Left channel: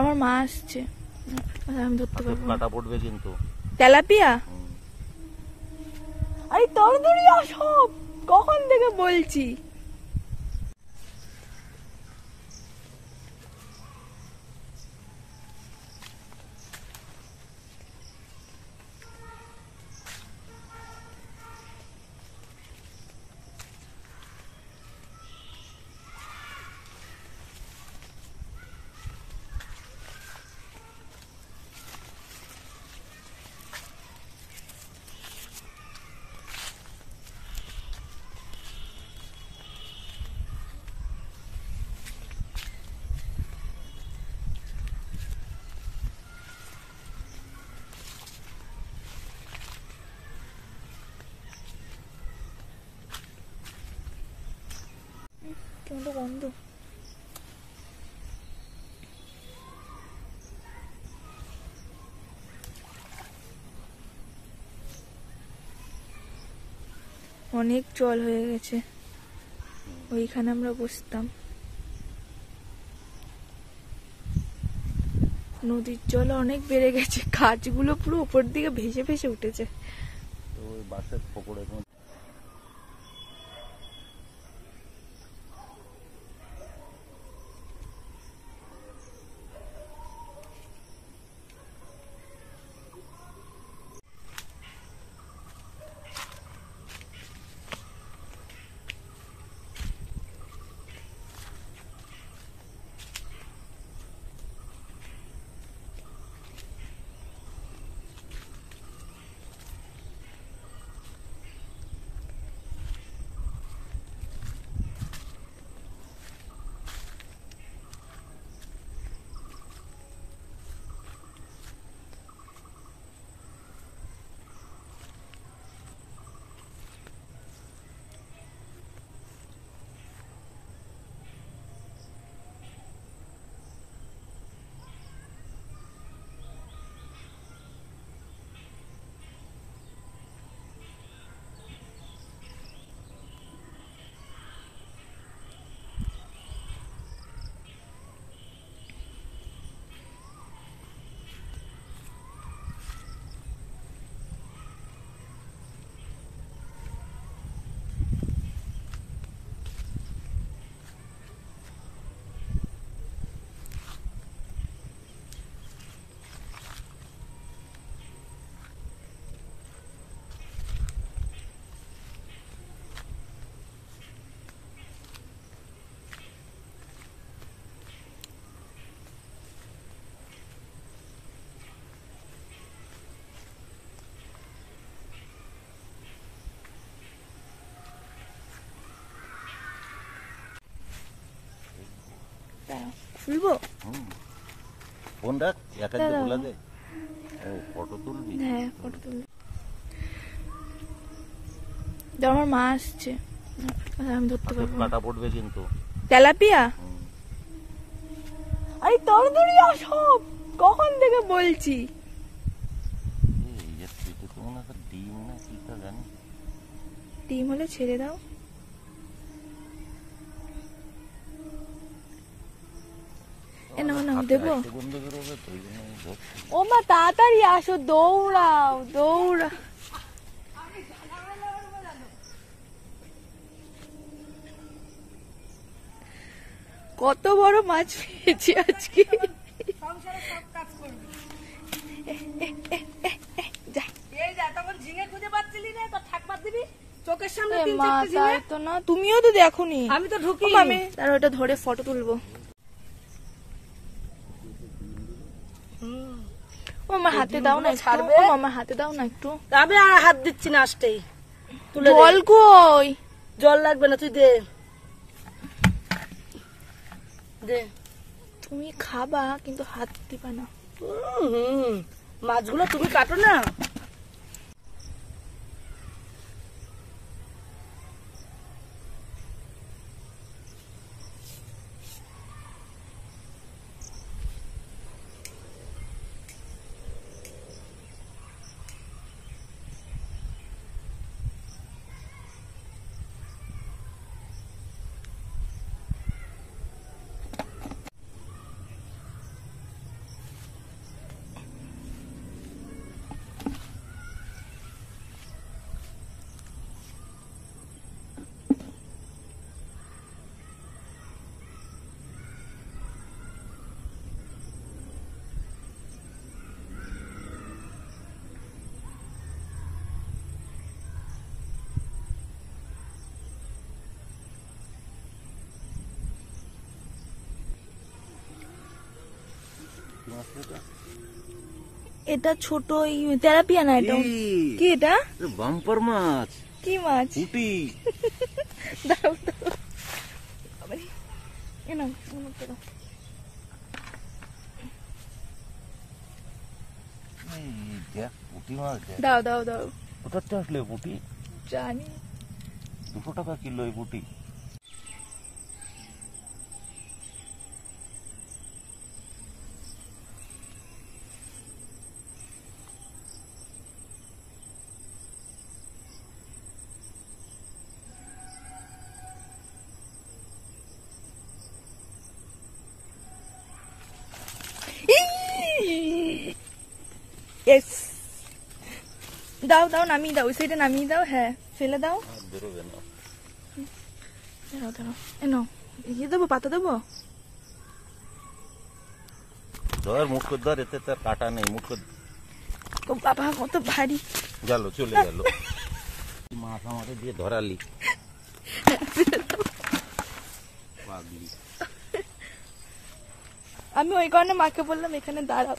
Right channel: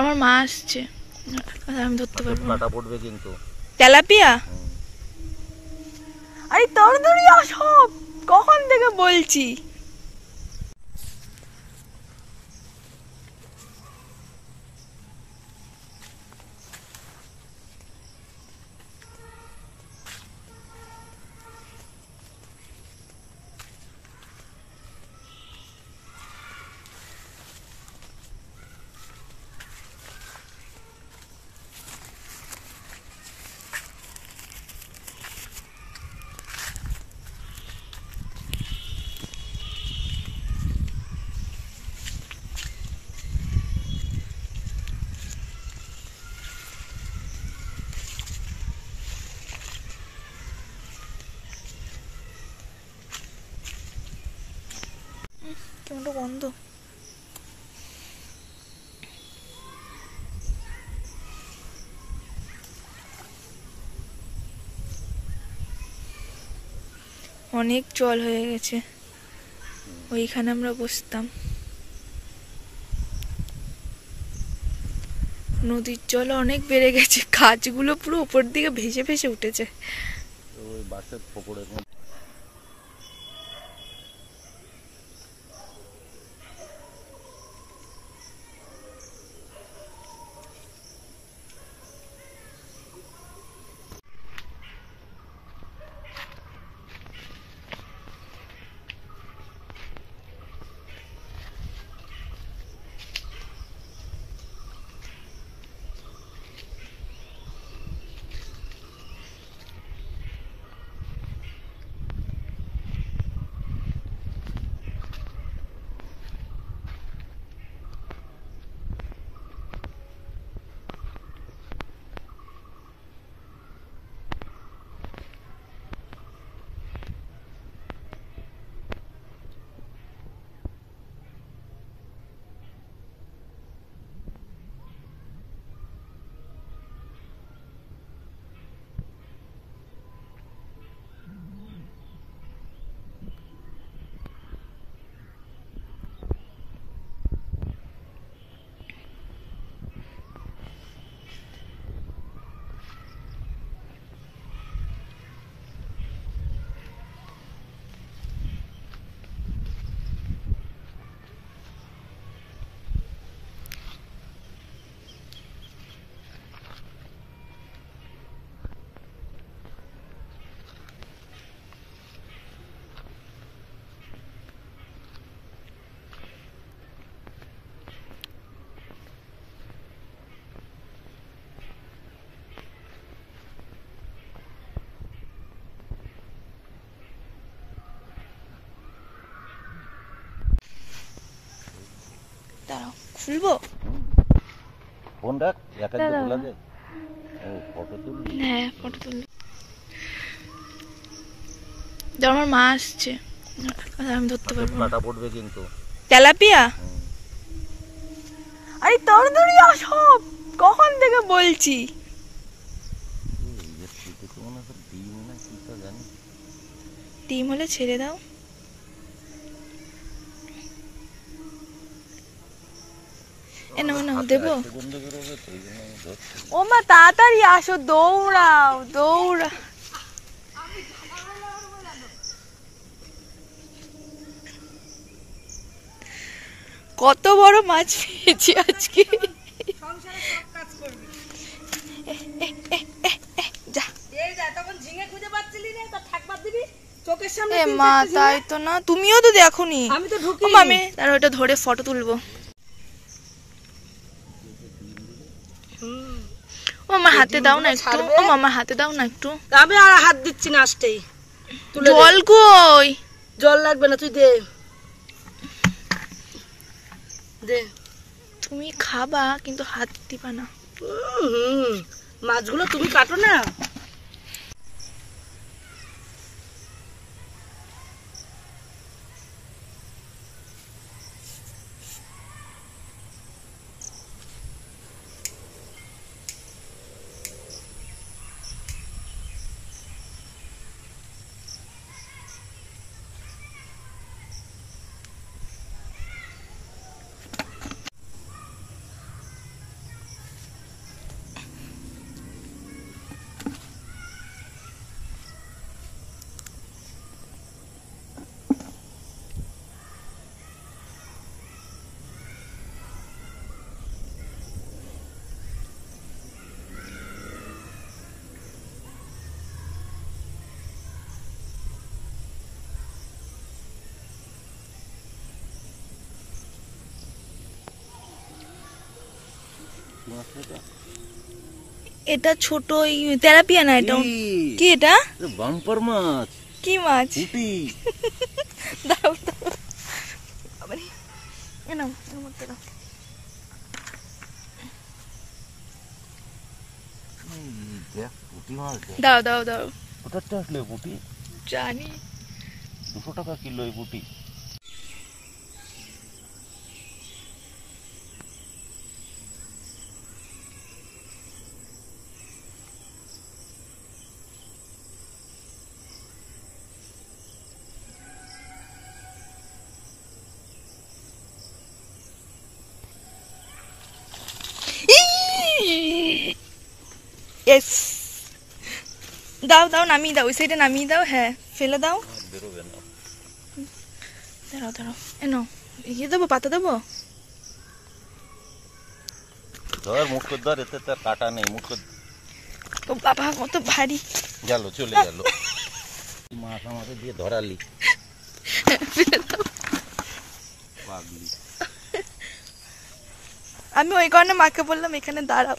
আমার মা আসছে, আমি ধরতে পারবো না। কাটা পড়বে কিন্তু। তেলাপিয়া? আরে তাড়াতাড়ি আসো, কখন থেকে বলছি। কেমন গন্ধ। অনেক জল হয়ে গেছে, ওইখানে আমরা বসতাম। নদীর জল অনেক বেড়ে গেছে, গাছগুলো পুরো উপর দিকে ভেসে ভেসে উঠেছে। ওই বাসের পুকুরে খুলবো? ফোন রাখ, একা খোলা যায়। ও ফটো তুলবি? হ্যাঁ, ফটো তুলবি। আমার মা আসছে, আমি ধরতে পারবো না। কাটা পড়বে কিন্তু। তেলাপিয়া? আরে তাড়াতাড়ি আসো, কখন থেকে বলছি। ডিম না কি তা জানি। ডিম হলে ছেড়ে দাও। দেবো? ও মা তাড়াতাড়ি আসো, দৌড়াও দৌড়া। কত বড় মাছ পেয়েছি আজকে। মা তাই তো না, তুমিও তো দেখোনি। আমি তার ওটা ধরে ফটো তুলবো। ও আমার হাতে দাও না একটু, ও আমার হাতে দাও না একটু। আমি আর হাত দিচ্ছি না, আসতেই। জল কই? জল লাগবে না, তুই দে দে। তুমি খাবা কিন্তু হাত দিবা না। মাছগুলো তুমি কাটো না। মাছ এটা? এটা ছোট তেলাপিয়া না, এটা কি? এটা বাম্পার মাছ। কি মাছ? পুঁটি। দাও দাও আবারে এ নাও, এর মধ্যে দাও। এই দেখ পুঁটি মাছ দেখ। দাও দাও দাও। কোথা থেকে আসলে পুঁটি? জানি। 200 টাকা কিলো এই পুঁটি। ইয়েস, দাও দাও, নামিয়ে দাও, ওই সাইডে নামিয়ে দাও। হ্যাঁ, ফেলে দাও। আর বেরোবে না। দাঁড়াও দাঁড়াও, এ নাও, ইয়ে দেবো, পাতা দেবো। ধর মুখে ধর, এতে তার কাটা নেই মুখে। ও বাবা, কত ভারী। গেল, চলে গেল। মাছ আমাকে দিয়ে ধরালি পাগলি। আমি ওই কারণে মাকে বললাম এখানে দাঁড়াও।